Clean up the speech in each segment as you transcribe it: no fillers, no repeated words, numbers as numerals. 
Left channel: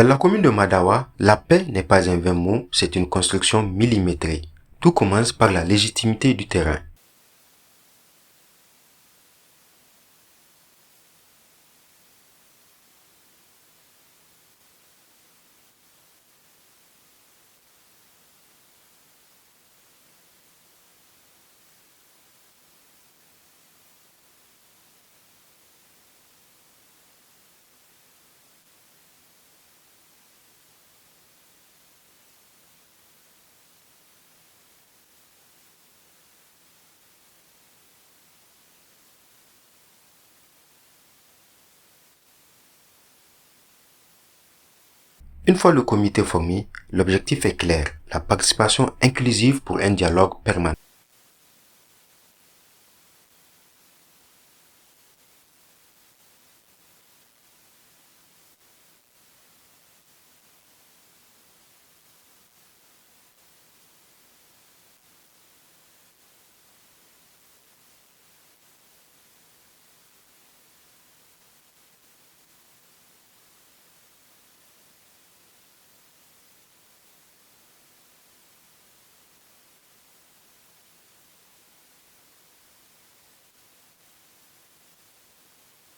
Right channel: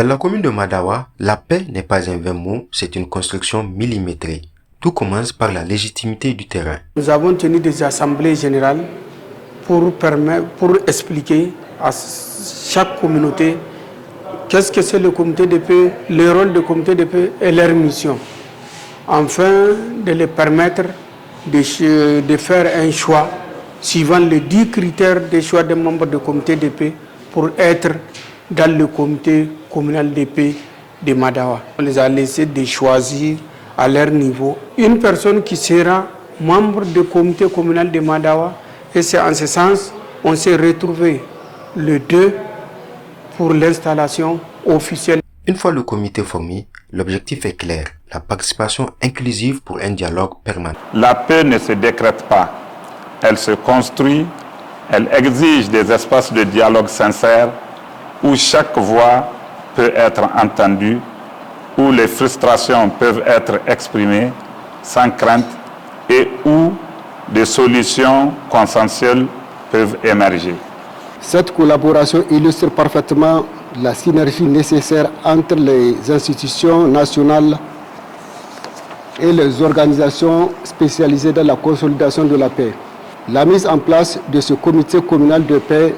Dans la commune de Madawa, la paix n'est pas un vain mot, c'est une construction millimétrée. Tout commence par la légitimité du terrain. Nous avons tenu des assemblées générales pour expliquer à chaque communauté qu'est-ce que c'est le comité de paix, le rôle du comité de paix et leur mission, afin de les permettre de faire un choix suivant les 10 critères de choix des membres du comité de paix pour être dans le comité communal de paix de Madawa. On les a laissés de choisir à leur niveau une personne qui sera membre du comité communal de Madawa, et c'est en ce sens on s'est retrouvé le 2 pour l'installation officielle. Une fois le comité formé, l'objectif est clair, la participation inclusive pour un dialogue permanent. La paix ne se décrète pas, elle se construit, elle exige des espaces de dialogue sincères où chaque voix peut être entendue, où les frustrations peuvent être exprimées sans crainte et où des solutions consensuelles peuvent émerger. Cette collaboration illustre parfaitement la synergie nécessaire entre les institutions nationales et les organisations spécialisées dans la consolidation de la paix. La mise en place de ce comité communal de paix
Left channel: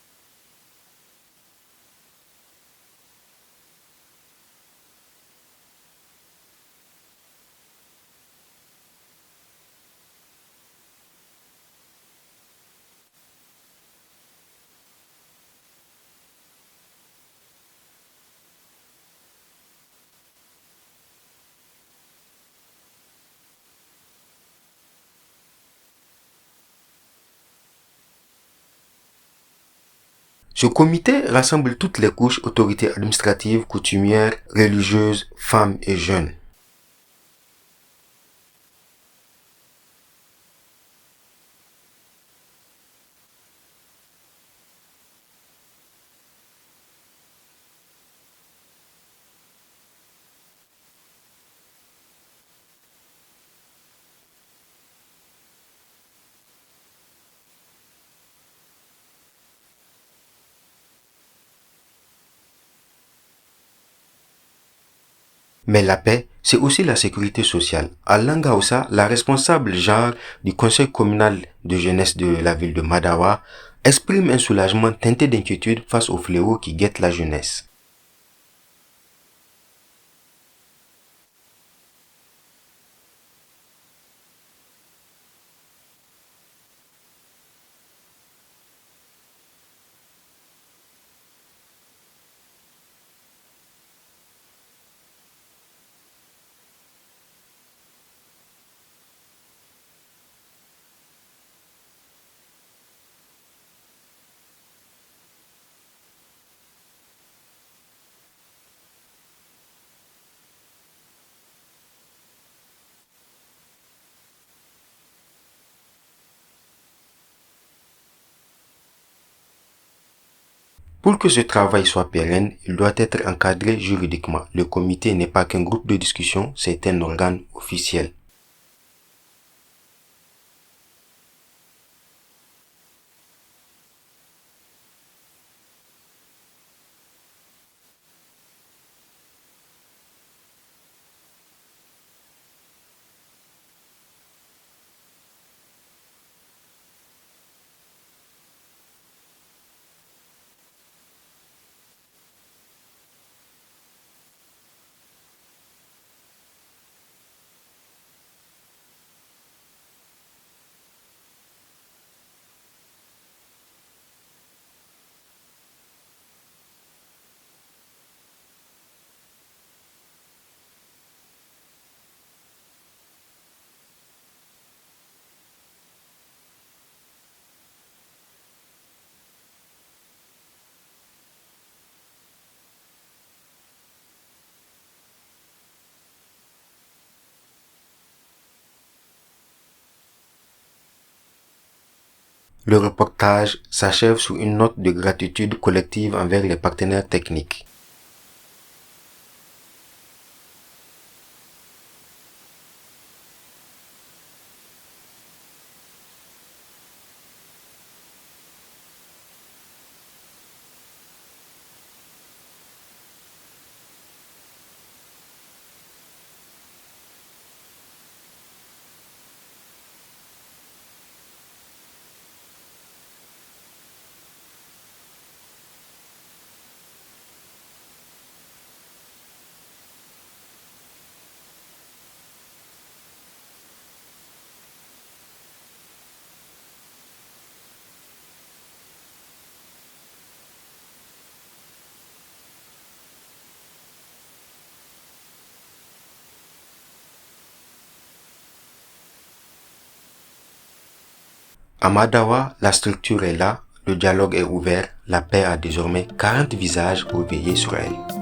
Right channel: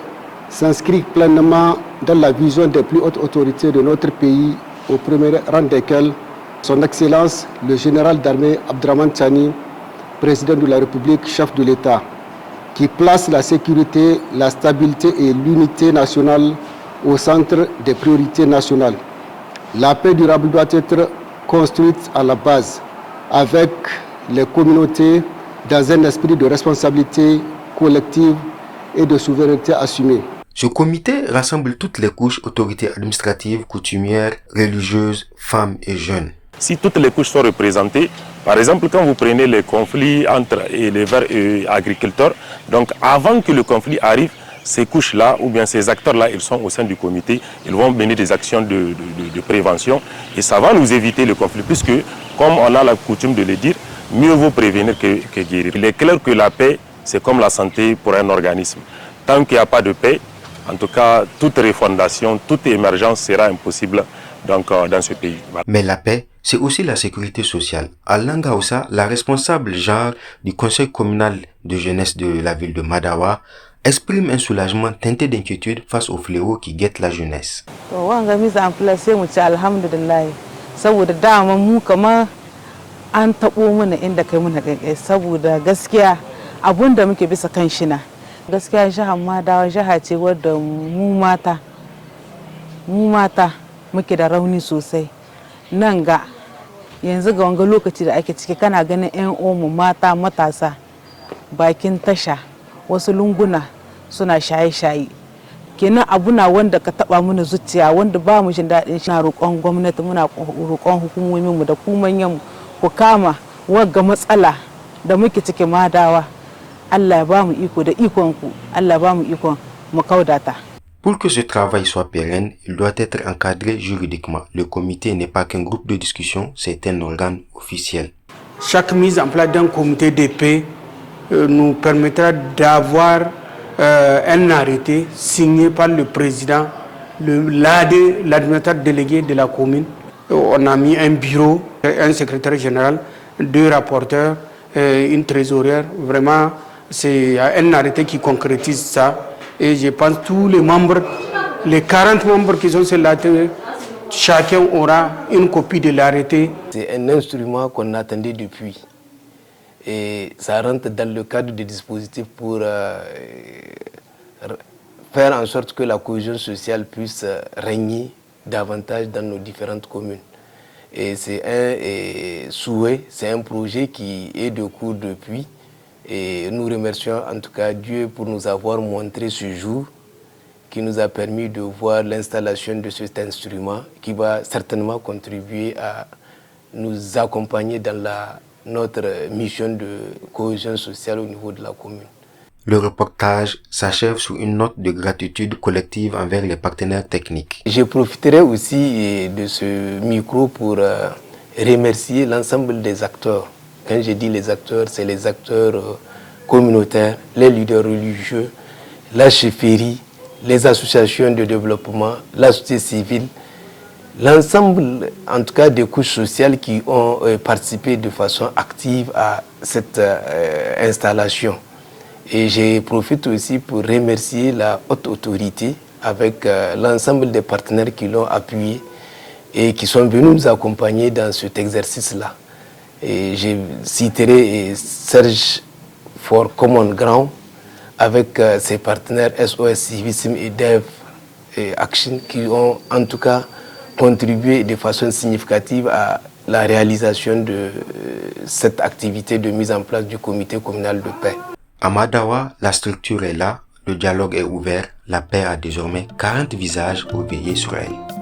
s'inscrit pleinement dans la vision des plus hautes autorités de notre pays, au premier rang desquelles son Excellence le général d'armée Abdraman Tchani, président de la République, chef de l'État, qui place la sécurité, la stabilité et l'unité nationale au centre des priorités nationales. La paix durable doit être construite à la base, avec les communautés, dans un esprit de responsabilité collective et de souveraineté assumée. Ce comité rassemble toutes les couches, autorités administratives, coutumières, religieuses, femmes et jeunes. Si toutes les couches sont représentées, par exemple, quand vous prenez les conflits entre éleveurs et agriculteurs, donc avant que le conflit arrive, ces couches-là, ou bien ces acteurs-là, ils sont au sein du comité, ils vont mener des actions de prévention et ça va nous éviter le conflit, puisque, comme on a la coutume de le dire, mieux vaut prévenir que guérir. Il est clair que la paix, c'est comme la santé pour un organisme. Tant qu'il n'y a pas de paix, en tout cas, toute refondation, toute émergence sera impossible donc, dans ce pays. Mais la paix, c'est aussi la sécurité sociale. À Langaoussa, la responsable genre du conseil communal de jeunesse de la ville de Madawa exprime un soulagement teinté d'inquiétude face aux fléaux qui guettent la jeunesse. Gaskiya jihar Madawa jiha ce wadda mu mata muke da rauni sosai. Nan ga yanzu ga wanga lokaci da ake ciki kana ganin ƴan uwanmu mata matasa bakin tasha wasu lunguna suna shaye-shaye. Kenan abuna wanda ka taba mana zuciya wanda ba mu jin daɗin shi. Na roƙon gwamnati, muna roƙon hukumomin mu da ku manyan mu ku kama wagga matsala da muke ciki Madawa. Pour que ce travail soit pérenne, il doit être encadré juridiquement. Le comité n'est pas qu'un groupe de discussion, c'est un organe officiel. Chaque mise en place d'un comité de paix nous permettra d'avoir un arrêté signé par le président, l'administrateur délégué de la commune. On a mis un bureau, un secrétaire général, 2 rapporteurs, une trésorière. Vraiment, c'est un arrêté qui concrétise ça. Et je pense que tous les membres, les 40 membres qui sont sur l'arrêté, chacun aura une copie de l'arrêté. C'est un instrument qu'on attendait depuis. Et ça rentre dans le cadre des dispositifs pour faire en sorte que la cohésion sociale puisse régner davantage dans nos différentes communes. Et c'est un souhait, c'est un projet qui est de cours depuis. Et nous remercions en tout cas Dieu pour nous avoir montré ce jour qui nous a permis de voir l'installation de cet instrument qui va certainement contribuer à nous accompagner dans notre mission de cohésion sociale au niveau de la commune. Le reportage s'achève sur une note de gratitude collective envers les partenaires techniques. Je profiterai aussi de ce micro pour remercier l'ensemble des acteurs. Quand je dis les acteurs, c'est les acteurs communautaires, les leaders religieux, la chefferie, les associations de développement, la société civile, l'ensemble, en tout cas, des couches sociales qui ont participé de façon active à cette installation. Et je profite aussi pour remercier la haute autorité avec l'ensemble des partenaires qui l'ont appuyé et qui sont venus nous accompagner dans cet exercice-là. Et je citerai Serge for Common Ground avec ses partenaires SOS Civisme et Dev Action qui ont en tout cas contribué de façon significative à la réalisation de cette activité de mise en place du comité communal de paix. À Madawa, la structure est là, le dialogue est ouvert, la paix a désormais 40 visages pour veiller sur elle.